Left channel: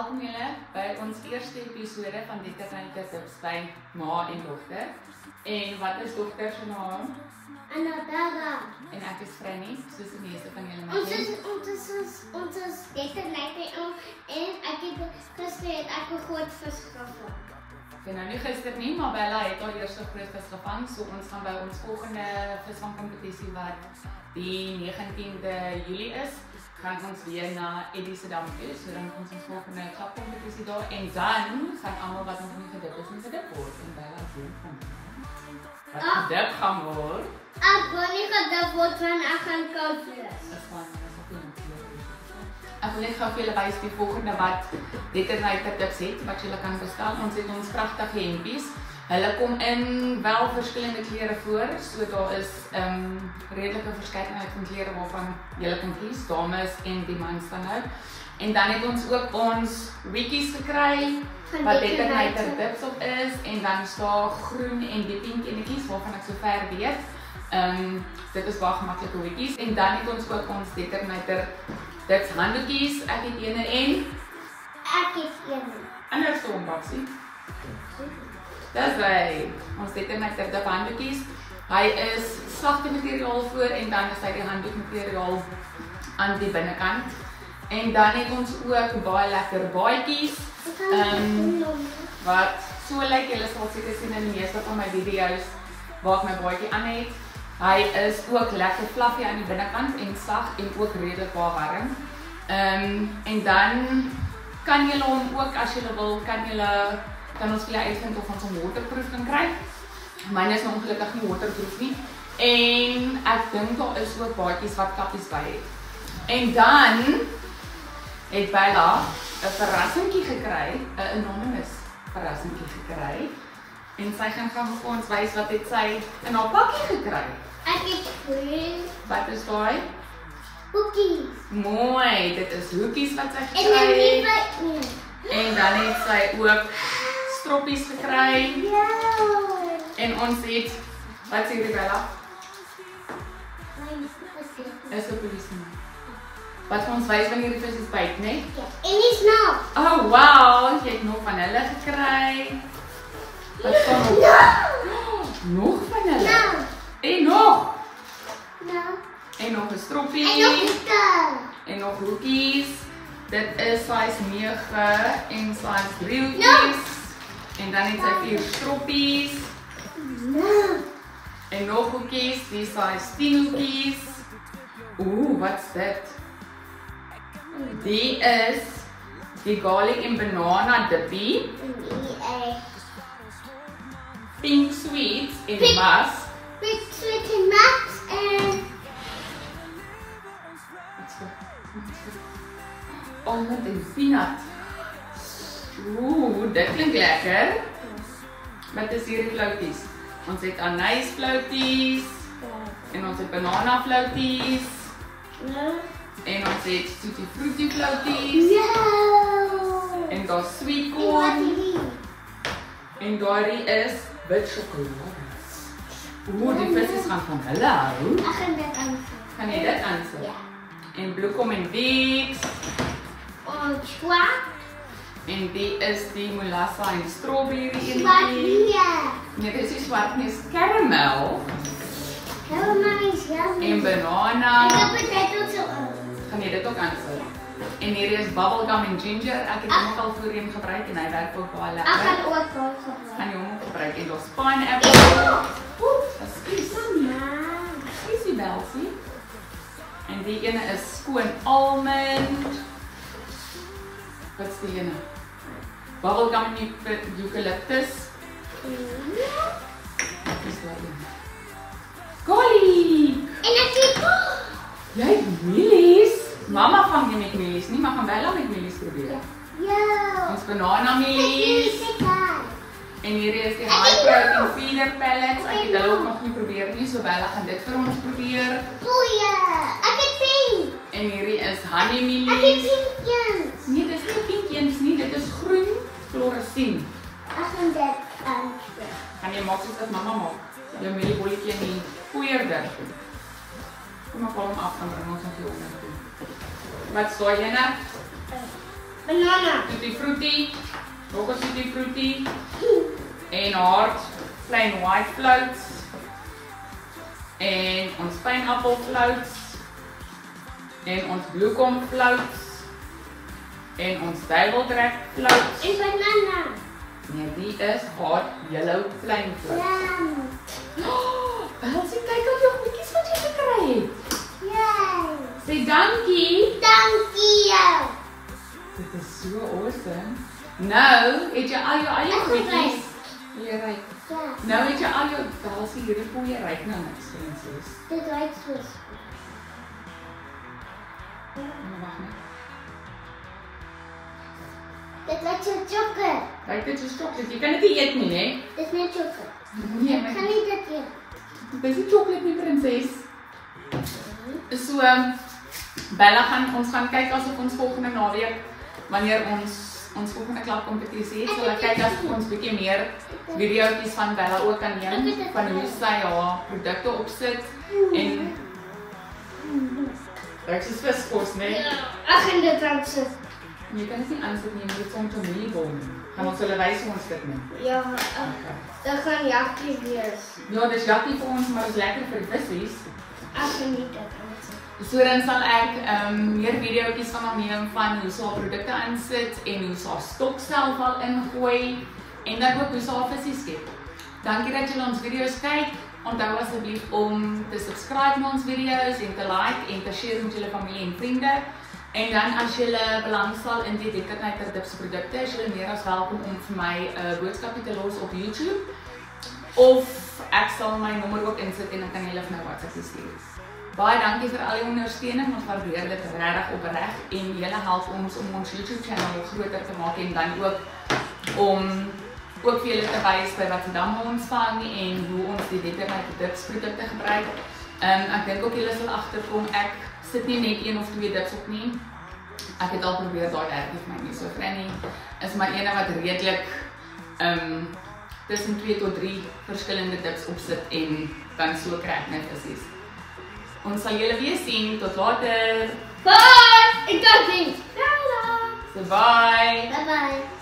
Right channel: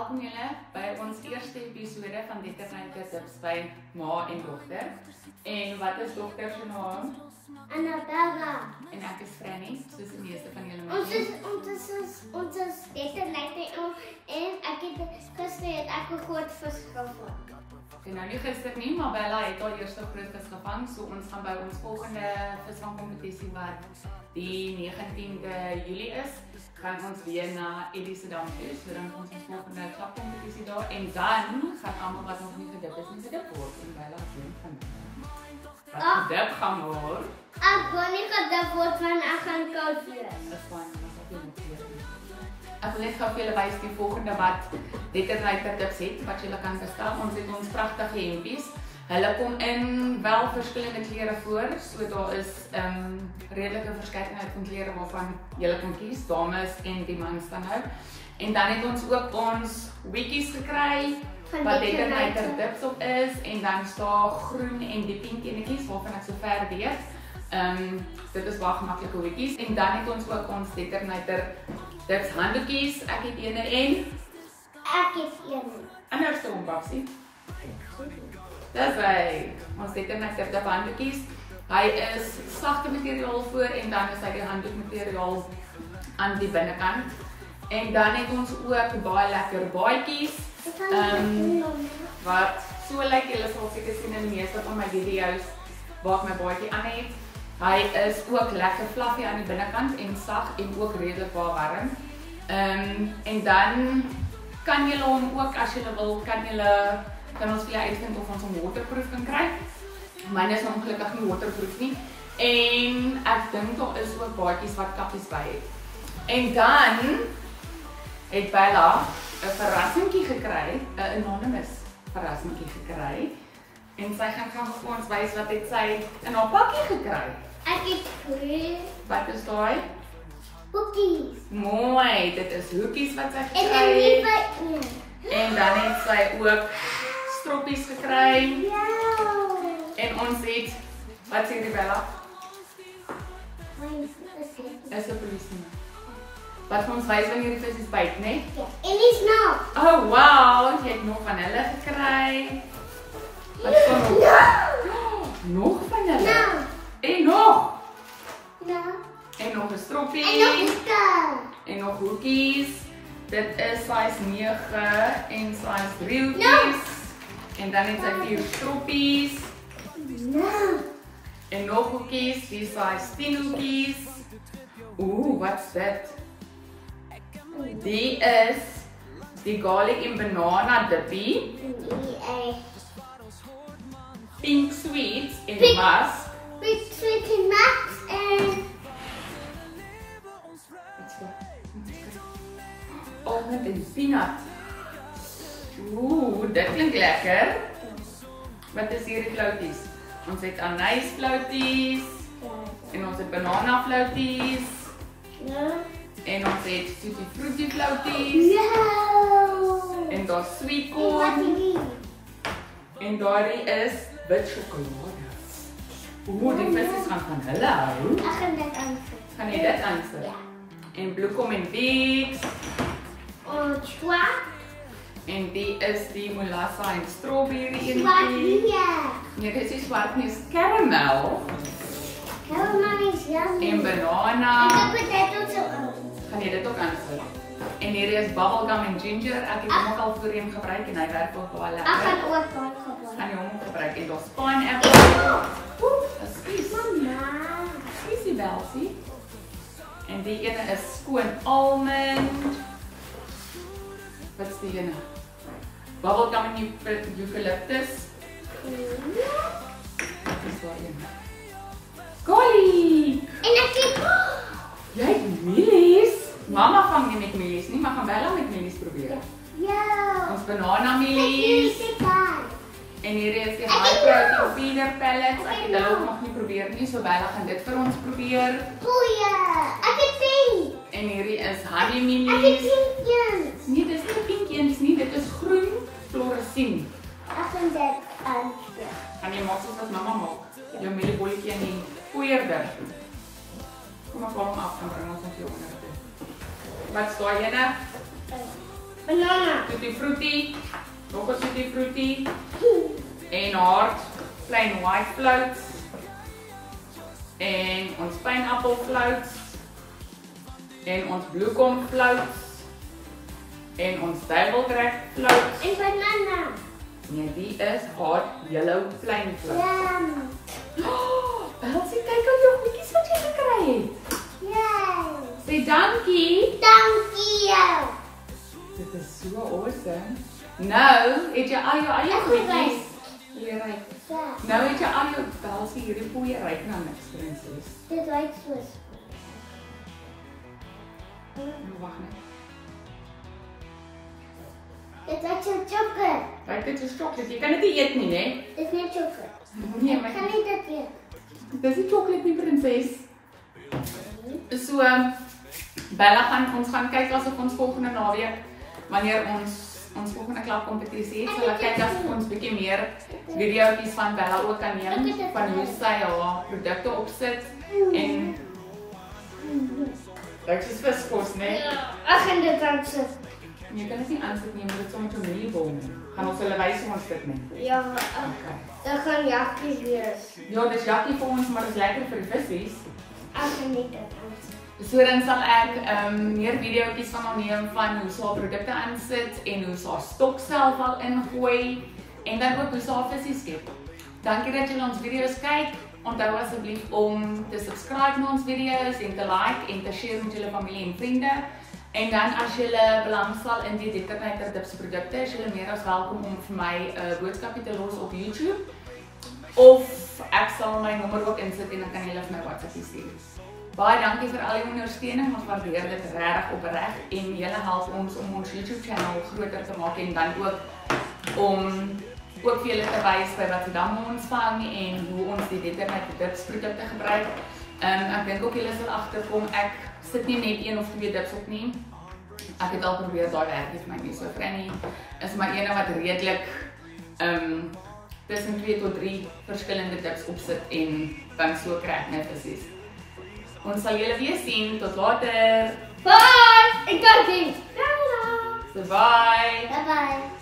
welkom julle by ons eerste episode van die Ternyte Tips by ma en dogter. En wat is dogter se naam? Anadaga. En ek is Franny, soos die meeste van julle my ken. Ons is Ternyte en ek het gister ek 'n groot vis gevang. Nou nie gister nie, maar Bella het al eerste groot vis gevang, so ons gaan by ons volgende visvangkompetisie wat die 19de Julie is, gaan ons weer na Edissedam toe, so dan ons volgende klapkompetisie daar en dan gaan almal wat nog nie gedip is, nie gedip word en Bella doen van wat gedip gaan word. Ek wil nie gedip word van ek gaan koud wees. Dis fyn, dis ook nie. Ek wil net gou vir julle wys die volgende wat die Ternyte Tips het, wat julle kan bestel. Ons het ons pragtige hempies. Hulle kom in wel verskillende klere voor, so daar is redelike verskeidenheid van klere waarvan julle kan kies, dames en die mans dan nou. En dan het ons ook ons wikkies gekry, wat die Ternyte Tips op is, en dan staan groen en die pink enetjies, waarvan ek so ver weet. Dit is baie gemaklike wikkies. En dan het ons ook ons die Ternyte Tips handdoekies, ek het ene en Ek het een. ander stompaksie. Dis hy, ons het Ternyte Tips handdoekies. Hy is sagte materiaal voor en dan is hy die handdoekmateriaal aan die binnekant. En dan het ons ook baie lekker baadjies. Wat so lyk, julle sal seker sien in die meeste van my video's waar ek my baadjie aan het. Hy is ook lekker fluffy aan die binnekant en sag en ook redelik baie warm. En dan kan julle hom ook as julle wil, kan ons vir julle uitvind of ons hom waterproof kan kry. Myne is nou ongelukkig nie waterproof nie. En ek dink daar is ook baadjies wat kappies by het. En dan het Bella 'n verrassingkie gekry, 'n anonymous verrassingkie gekry. En sy gaan gou vir ons wys wat het sy in haar pakkie gekry. Ek het groen Wat is daai? hoekies. Mooi, dit is hoekies wat sy En gekry dan nie het. by een. En dan het sy ook stroppies gekry. Ja. En ons het, wat sê die Bella? Is 'n polisieman. Wat vir ons wys wanneer die vis byt, né? En die snaap. Oh wow, jy het nog van hulle gekry. Wat kom nog? Nog van hulle? Nou. En nog. Nou. En nog 'n stroppie. En nog 'n stel. En nog hoekies. Dit is size 9 en size 3 hoekies. En dan het sy 4 stroppies. Nou. En nog hoekies, die size 10 hoekies. Wat's dit? Die is die garlic en banana dippie. Pink sweets en musk. Pink sweet en max en Almond en peanut. Dit klink lekker. Wat is hierdie flouties? Ons het anysflouties. En ons het banana flouties. En ons het tutti frutti flouties. En daar's sweet corn. En daardie is wit sjokolade. Die vis gaan van hulle hou. Ek gaan dit aansit. Gaan jy dit aansit? Ja. En bloekom en Vicks. Swart. En die is die molassa en strawberry Swart enetjie. hier. Nee, dit is swart nie, is caramel. Caramel is yummy. En banana. Ek heb dit ook zo aan. Gaan jy dit ook aansit? En hier is bubblegum en ginger. Ek het hom ook al voorheen gebruik en hy werk ook baie Ek lekker. gaan ook daar gebruik. Gaan jy hom ook gebruik en daar's pineapple. Excuse. Mama. Excuse Belsie. En die ene is skoon almond. Wat is die ene? Bubblegum en eucalyptus. Wat is daai een? Golly! En ek het Jy het mielies? Mama vang nie met mielies nie, maar gaan Bella met mielies probeer. ja. Ons banana mielies. En hier is die high protein feeder pellets. Ek het hulle ook nog nie probeer nie, so Bella gaan dit vir ons probeer. Goeie. Ek het pink. En hierdie is honey Ek het mielies. pink eens. Nee, dis nie pink eens nie, dit is groen fluorescent. Ek gaan dit aansit. Gaan jy maak soos wat mamma maak? Jou mieliebolletjie in die poeier. Kom maar hom af, dan bring ons hom hier onder toe. Wat is daai ene? Banana. Tutti Frutti, nog 'n Tutti Frutti en hard plain white floats en ons pineapple floats en ons bloekom floats en ons duiveltrek floats. En banana. Nee, die is hard yellow plain floats. Yum. Elsie, kyk al jou goedjies wat jy gekry het. Yay. Sê dankie. Dankie jou. Dit is so awesome. Nou, het jy al jou eie goedjies? Jy ryk. Ja. Nou het jy al jou Elsie hierdie poeie ryk nou niks, prinses. Dit ruik soos. Wag net. Dit ruik so chocolate. Ryk dit soos chocolate. Jy kan dit nie eet nie, né? Dit is net chocolate. Nee, Kan maar nie dit eet. dis nie chocolate nie, prinses. So Bella ons gaan kyk asof ons volgende naweek wanneer ons volgende klapkompetisie het, sal ek kyk as ons bietjie meer videoetjies van Bella ook kan neem van hoe sy haar produkte opsit en dit is viskos, né? Ja. Ag, en dit ruik so. Jy kan dit nie aansit nie, dit soms 'n mieliebol. Gaan ons hulle wys hoe ons dit doen. Ja, Okay. dit gaan jakkie wees. Ja, dis jakkie vir ons, maar dit is lekker vir die vissies. Ek geniet dit. So dan sal ek meer videoetjies van haar neem van hoe sy haar produkte aansit en hoe sy haar stok self al ingooi en dan ook hoe sy haar vissies skep. Dankie dat julle ons video's kyk. Onthou asseblief om te subscribe na ons video's en te like en te share met julle familie en vriende. En dan as julle belangstel in die Dekkernyter Dips produkte, is julle meer as welkom om vir my 'n boodskapie te los op YouTube. Of ek sal my nommer ook insit en dan kan julle vir my WhatsApp stuur. Baie dankie vir al die ondersteuning, ons waardeer dit regtig opreg en julle help ons om ons YouTube channel groter te maak en dan ook om ook vir julle te wys by wat dan ons vang en hoe ons die Dekkernyter Dips produkte gebruik. Ek dink ook julle sal agterkom ek sit nie net 1 of 2 dips op nie. Ek het al probeer daai werk vir my nie so kry nie. Is maar ene wat redelik tussen 2 tot 3 verskillende dips opsit en dan so kry ek my vissies. Ons sal julle weer sien. Tot later. Bye! Ek dankie. So bye. Bye bye.